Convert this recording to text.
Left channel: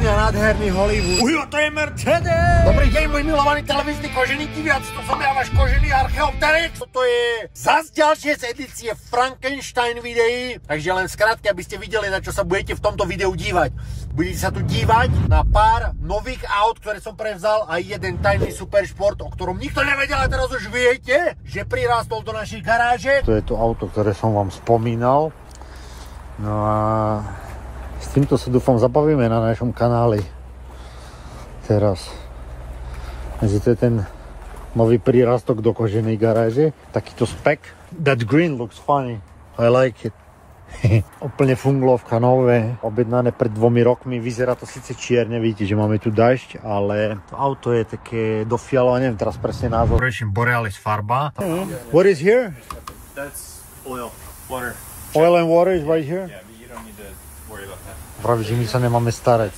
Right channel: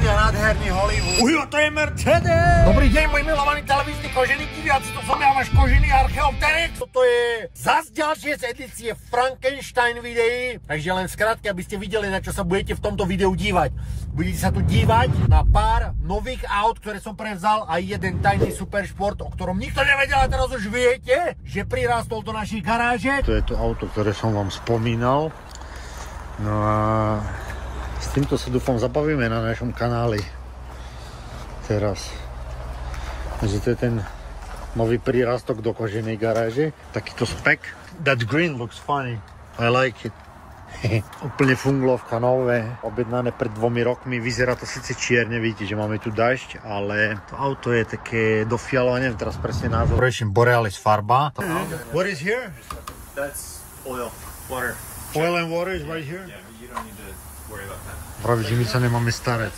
krásny a nádherný Hollywood. Ujo, to je Mercedes! Dobrý deň, môj milovaný televízny kožený diváci, to som ja, váš kožený Archeopteryx. Toto je zas ďalšie z edície Frankenstein videí, takže len skrátke, aby ste videli, na čo sa budete v tomto videu dívať. Budete sa tu dívať na pár nových aut, ktoré som prevzal a jeden tajný superšport, o ktorom nikto nevedel, a teraz už viete, že prirástol do našej garáže. To je to auto, ktoré som vám spomínal. No a s týmto sa dúfam zabavíme na našom kanáli teraz. Takže to je ten nový prírastok do koženej garáže. Takýto spek. That green looks funny. I like it. Úplne fungovka nové, objednané pred 2 rokmi. Vyzerá to síce čierne, vidíte, že máme tu dažď, ale to auto je také do fialová, neviem teraz presne názov. Preším Borealis farba. What is here? That's oil, water. Oil and water is right here? Yeah, but you don't need to worry about that. Praví, že my sa nemáme starať.